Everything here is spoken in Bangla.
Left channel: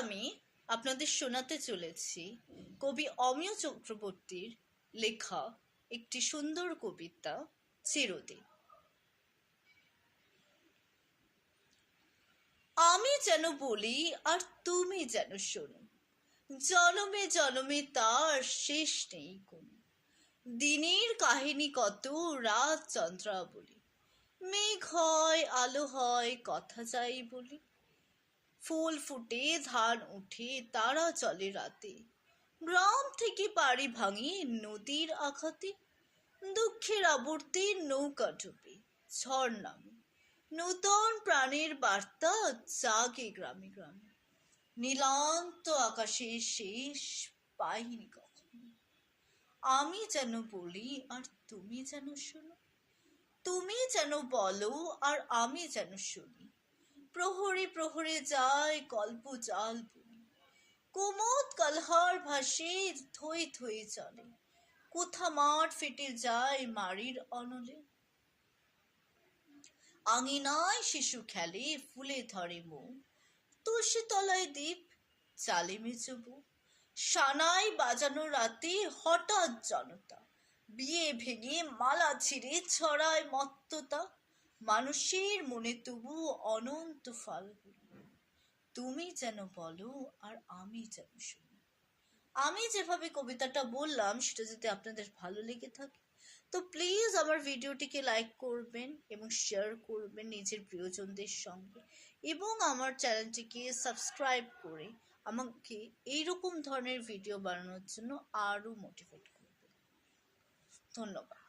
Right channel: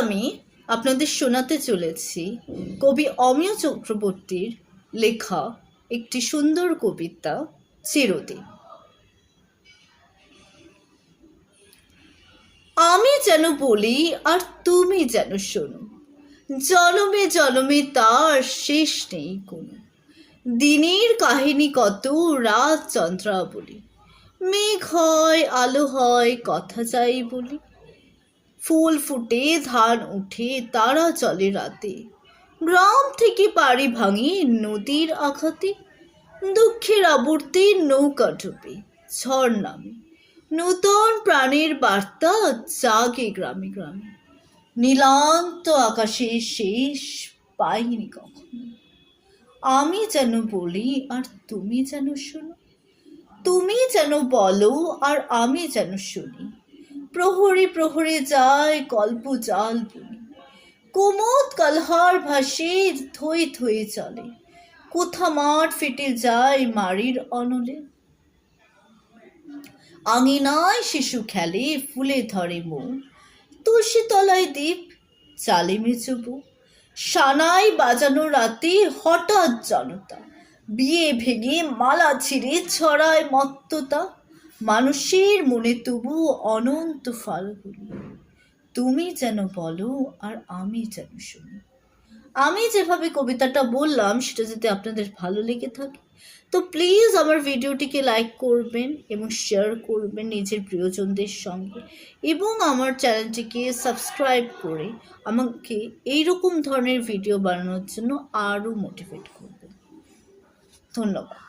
আমি আপনাদের শোনাতে চলেছি কবি অমিয় চক্রবর্তীর লেখা একটি সুন্দর কবিতা চিরদিন। আমি যেন বলি আর তুমি যেন শোনো, জনমে জনমে তার শেষ নেই কোনো। দিনের কাহিনী কত, রাত চন্দ্রাবলী, মেঘ হয় আলো হয় কথা চাই বলি। ফুল ফুটে ধান উঠে তারা চলে রাতে, গ্রাম থেকে পাড়ি ভাঙে নদীর আঘাতে। দুঃখের আবর্তে নৌকা ডুবে ঝড় নামে, নূতন প্রাণের বার্তা জাগে গ্রামে গ্রামে। নীলান্ত আকাশে শেষ পাইনি কখনো। আমি যেন বলি আর তুমি যেন শোনো, তুমি যেন বলো আর আমি যেন শুনি। প্রহরে প্রহরে যায় কল্প জাল বুনি, কুমুদ কালহার ভাসে থই থই চলে। কোথা মাঠ ফেটে যায় মারির অনলে, আঙিনায় শিশু খেলে ফুলে ধরে মৌ। তুলসী তলায় দ্বীপ চালে মেচবু, সানাই বাজানো রাতে হঠাৎ জনতা, বিয়ে ভেঙে মালা ছিঁড়ে ছড়ায় মত্ততা। মানুষের মনে তবু অনন্ত ফাল্গুনি, তুমি যেন বলো আর আমি যেন শুনি। আমি যেভাবে কবিতাটা বললাম সেটা যদি আপনাদের ভালো লেগে থাকে তো প্লিজ আমার ভিডিওটিকে লাইক করবেন এবং শেয়ার করবেন নিজের প্রিয়জনদের সঙ্গে, এবং আমার চ্যানেলটিকে সাবস্ক্রাইব করে আমাকে এইরকম ধরনের ভিডিও বানানোর জন্য আরও মোটিভেট করবেন। ধন্যবাদ।